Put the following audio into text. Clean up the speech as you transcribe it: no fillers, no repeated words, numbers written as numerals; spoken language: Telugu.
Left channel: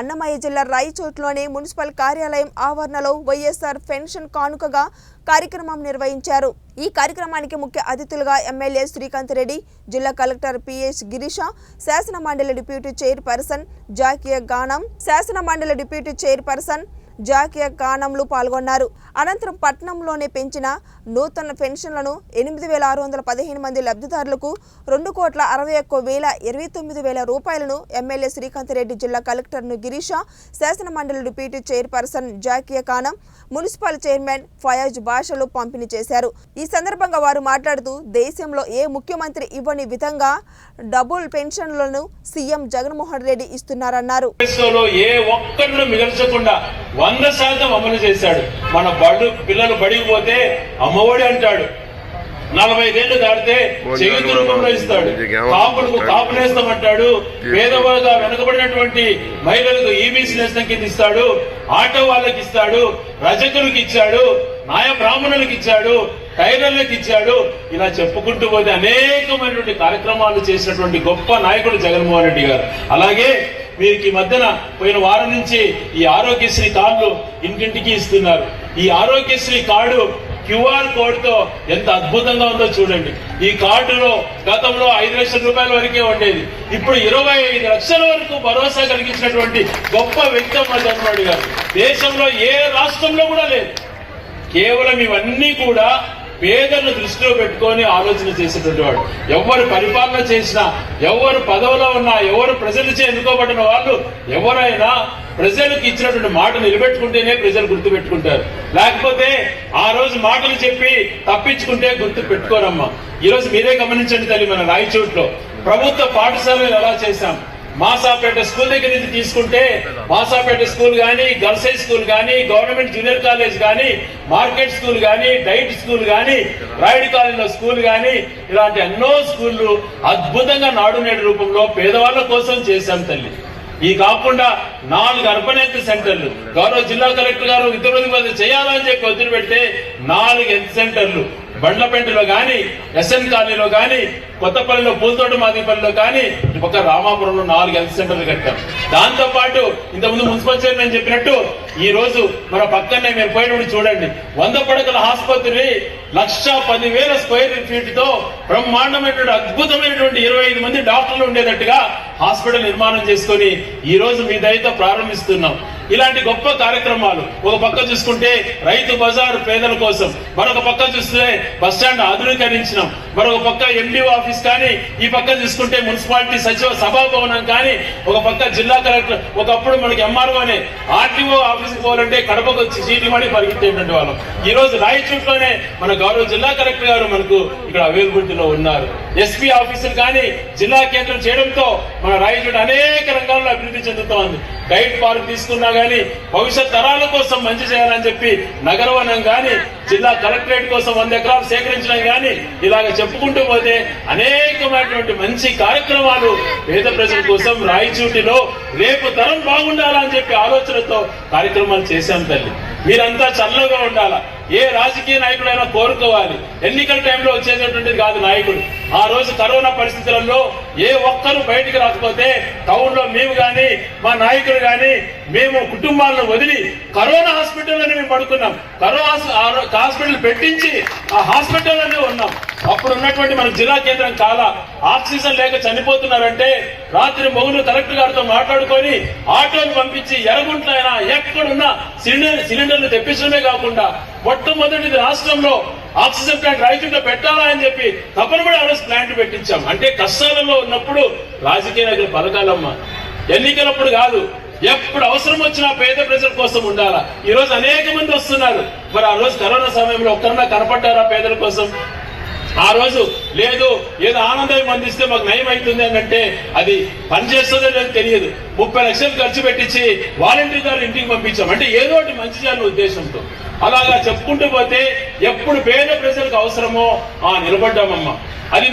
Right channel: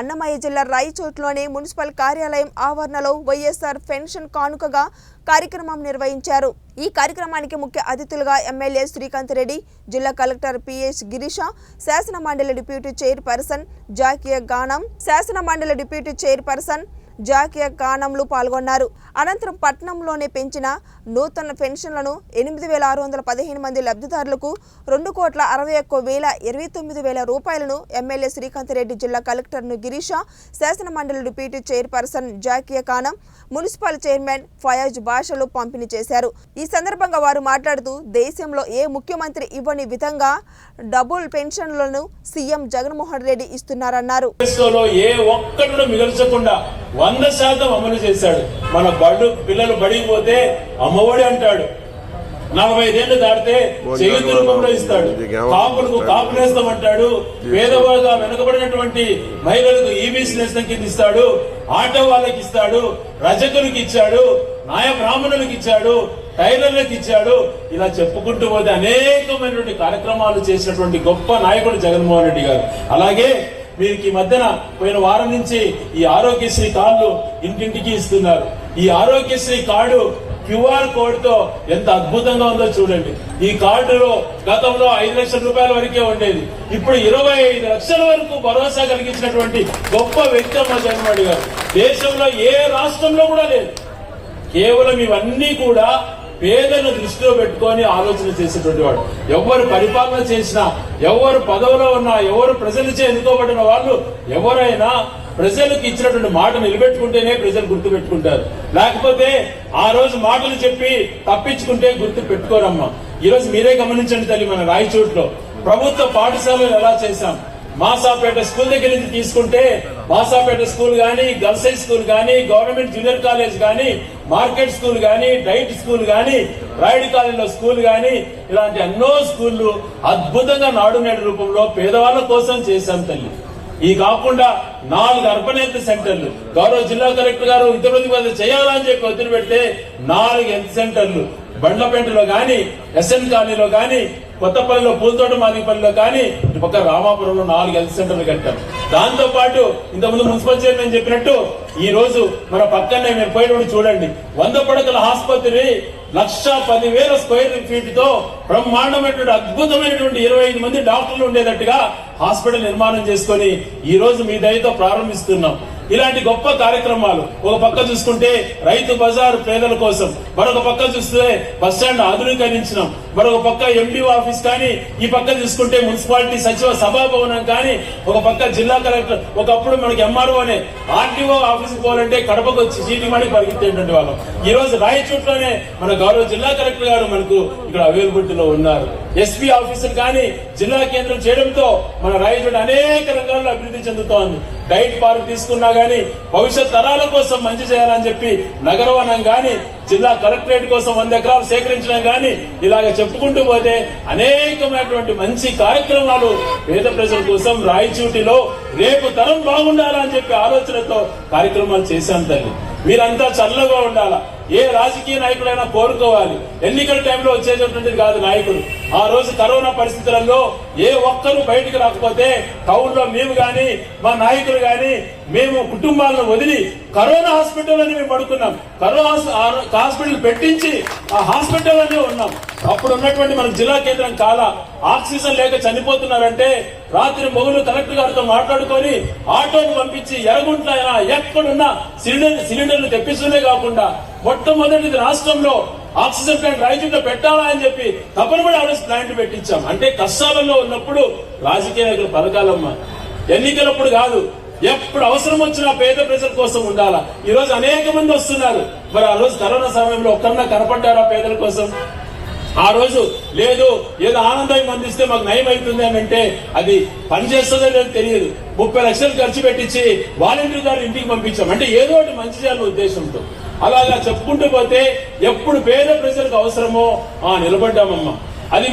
అన్నమయ్య జిల్లా రాయచోట్లోని మున్సిపల్ కార్యాలయం ఆవరణలో వైఎస్ఆర్ పెన్షన్ కానుకగా కార్యక్రమం నిర్వహించారు। ఈ కార్యక్రమానికి ముఖ్య అతిథులుగా ఎమ్మెల్యే శ్రీకాంత్ రెడ్డి, జిల్లా కలెక్టర్ పిఎస్ గిరీష, శాసన మండలి డిప్యూటీ చైర్పర్సన్ జాకియా గానం, శాసన మండలి డిప్యూటీ చైర్పర్సన్ జాకియా గానంలు పాల్గొన్నారు। అనంతరం పట్టణంలోనే పెంచిన నూతన పెన్షన్లను 8615 మంది లబ్ధిదారులకు 2,61,29,000 రూపాయలను ఎమ్మెల్యే శ్రీకాంత్ రెడ్డి, జిల్లా కలెక్టర్ను గిరీష, శాసన మండలి డిప్యూటీ చైర్పర్సన్ జాకియా గానం, మున్సిపల్ చైర్మన్ ఫయాజ్ బాషాలు పంపిణీ చేశారు। ఈ సందర్భంగా వారు మాట్లాడుతూ దేశంలో ఏ ముఖ్యమంత్రి ఇవ్వని విధంగా డబుల్ పెన్షన్లను సీఎం జగన్మోహన్ రెడ్డి ఇస్తున్నారన్నారు। 100% అమలు చేశాడు। మన పిల్లలు బడికి పోతే అమ్మఒడి అంటాడు, 45 ఏళ్లు దాటితే చేయూత రూపంలో ఇస్తాడు, కాపులకు కాపు నేస్తం అంటాడు, పేదవాళ్ళగా వెనుకబడినటువంటి మహిళలకు ఈబీసీ నేస్తం కింద ఇస్తాడు, ఆటో వాళ్ళకి ఇస్తాడు, రజకులకు ఇచ్చాడు, నాయ బ్రాహ్మణులకు ఇచ్చాడు, టైలర్లకు ఇచ్చాడు। ఇలా చెప్పుకుంటూ పోతే అనేకమైనటువంటి కార్యక్రమాలు చేసినటువంటి గొప్ప నాయకుడు జగన్మోహన్ రెడ్డి గారు। అలాగే వీరికి మధ్యన పోయిన వారం నుంచి ఈ ఆరోగ్యశ్రీ కార్డులు ఇంటింటికి ఇస్తున్నారు। ఈ ఆరోగ్యశ్రీ కార్డు QR కోడ్ తో ఎంత అద్భుతంగా ఉందో చూడండి। ఈ కార్డులో గతంలో 5 లక్షల రూపాయల వరకే ఉండేది, ఇప్పుడు 25 లక్షల వరకు భరోసా కలిగించినటువంటి గొప్ప వ్యక్తి మన జగన్మోహన్ గారు। దేశంలో ఏ రాష్ట్రంలో కూడా లేదు। కేవలం ఇవన్నీ కూడా పేదలను దృష్టిలో పెట్టుకొని ఆలోచన చేసేటువంటి వాడు। ఎవరు పరిపాలన చేసినా, ఎవరు పదవిలో ఉన్నా, ఎవరు ప్రజలచే ఎన్నుకోబడిన వాళ్ళు ఎవరైనా ప్రజలకు ఇచ్చినటువంటి మాట నిలబెట్టుకుంటేనే ప్రజలు గుర్తు పెట్టుకుంటారు, లేకపోతే ఆ రోజు మాటలు చెప్పి తప్పించుకుంటే గుర్తు పెట్టుకోరమ్మా। ఈ రోజు మీరే గమనించండి తల్లి, మన రాయచోట్లో ప్రభుత్వ పాఠశాలలు ఎలా చేశాం। మాసాపేట స్కూల్ దగ్గర నుంచి తీసుకుంటే మాసాపేట స్కూల్ గానీ, గర్ల్స్ హై స్కూల్ గానీ, గవర్నమెంట్ జూనియర్ కాలేజ్ గానీ, మార్కెట్ స్కూల్ గానీ, డైట్ స్కూల్ గానీ, రాయుడు కాలేజీలో స్కూల్ గానీ, ఇలాంటి ఎన్నో స్కూళ్లు అద్భుతంగా నాడు నేడు రూపంలో పేదవాళ్ల కోసం చేశాం తల్లి। ఈ కాకుండా 4 అర్బన్ హెల్త్ సెంటర్లు గౌరవ జిల్లా కలెక్టర్ గారు విద్యార్థి చేయాలని చెప్పి ఒత్తిడి పెడితే 4 హెల్త్ సెంటర్లు బండ్లపేటలో గాని, ఎస్ఎన్ కాలనీలో గాని, కొత్తపల్లిలో పూలతోట మాదిపల్లిలో కానీ, ఒక రామాపురంలో 4 హెల్త్ సెంటర్లు కట్టాం। దాంతో పాటు ఇంతకుముందు మున్సిపల్ చైర్మన్ చెప్పినట్టు ఈ రోజు మన పక్కనే మీరు పోయినప్పుడు చూడండి, 100 పడకల ఆసుపత్రి 1,10,000 స్క్వేర్ ఫీట్ తో బ్రహ్మాండమైనటువంటి అద్భుతమైనటువంటి 25 మంది డాక్టర్లు ఉండేటట్టుగా హాస్పిటల్ నిర్మాణం చేసుకుని ఈ రోజు మీ దయతో ప్రారంభిస్తున్నాం। ఇలాంటి గొప్ప కార్యక్రమాలు ఒక పక్క చూసుకుంటే రైతు బజార్ పేదల కోసం, మరొక పక్క చూస్తే బస్ స్టాండ్ ఆధునీకరించినాం, మరొక పక్క ఎండిఓ ఆఫీస్ కానీ, ఈ పక్క చూసుకుంటే మున్సిపాలిటీ సచివ సభా భవనం కానీ, ఒక పక్క జిల్లా కలెక్టర్, ఒకప్పుడు మనకి ఎంఆర్ఓ అనే ఆర్టీఓ ఆఫీస్ పోవాలంటే కడపకు వచ్చి చీటీ మాడి పరిగెత్తేటువంటి వాళ్ళం। ఈ రోజు రాయచోట్లోనే మన గౌరవ జిల్లా కలెక్టర్ గారు మనకు ఇక్కడ అవైలబిలిటీలో ఉన్నారు। ఎస్పీ ఆఫీసులు కానీ జిల్లా కేంద్రం చేయడంతో మన రాయచోట అనేక రంగాల్లో అభివృద్ధి చెందుతోంది। డైట్ పార్క్ తీసుకున్నా గానీ, భవిష్యత్ తరాల కోసం మంచి చేయాలని చెప్పి నగరవనం గాని, జిల్లా కలెక్టరేట్ కోసం 100 ఎకరాలు సేకరించడం గాని, ఇలాగ చెప్పుకుంటూ పోతే అనేకమైనటువంటి మంచి కార్యక్రమాలు పేద ప్రజల కోసం రాయచూటిలో రేపు తరం బాగుండాలని చెప్పి ఆలోచనతో కార్యక్రమాలు చేశాం తల్లి। మీరంతా చల్లగా ఉండాలా, ఏ రాజకీయ నాయకుడైనా కోరుకోవాలి, ఎన్నికల టైంలో వచ్చేటటువంటిది కాదు నాయకుడు। ఆ రోజు కరోనా పరిస్థితులలో ఏ ఒక్కరు బయటికి రాకపోతే టౌన్ లో మేము గాని, మా నాయకులు గాని, మేము కుటుంబాలను వదిలి కరోనా హాస్పిటల్ అని మేము పడుకున్నాం, కరోనా హాస్పిటల్ పెట్టించి ఆ హాస్పిటల్ అనే ఉన్నాం। అప్పుడు ఉన్నటువంటి మన జిల్లా కేంద్రం కాలా ఆక్సిజన్ లేక చనిపోతున్నారంటే రాత్రి మొగులు కలెక్టర్ గారితో మాట్లాడుకొని ఆటోలు పంపించి ఎరగుంట్లైనా ఎక్కడున్నా సిలిండర్లు తెప్పించడమే కాకుండా మొట్టమొదటిది రాష్ట్రంలో ఆక్సిజన్ ప్లాంట్ రాయచోట్లో పెట్టాలా అని చెప్పి తప్పనిపడి ప్లాంట్ పెట్టించాం। అంటే కష్టాలలో ఉన్నప్పుడు రాజకీయ నాయకుల పథకాలమ్మా, ఎన్నికలప్పుడు కాదు, ఎప్పుడు అవసరం వచ్చినా పేద ప్రజల కోసం ఉండాలా। ఈ రోజు అనేక మంది వస్తున్నారు, మరి ఆ రోజు కరోనా సమయంలో ఒక్కరన్నా కనపడ్డారా పేదల కోసం? ఆ రోజు లేదు, ఏదో ఆనందాన్ని అందిస్తే మాకు నయం అవుతుంది అని అంటే అది పనిచేస్తుందో లేదో తెలియదు, 30 లక్షలు ఖర్చు పెట్టించి వాలంటీర్ గారు ఇంటికి పంపించాం, అంటే ఏదో ఒకటి మంచి చేయాలనే ఉద్దేశంతో। అలాగా చెప్పుకుంటూ పోతే ఎప్పుడు పేద ప్రజలకు అవసరమో నిలబడ్డామమ్మా। అది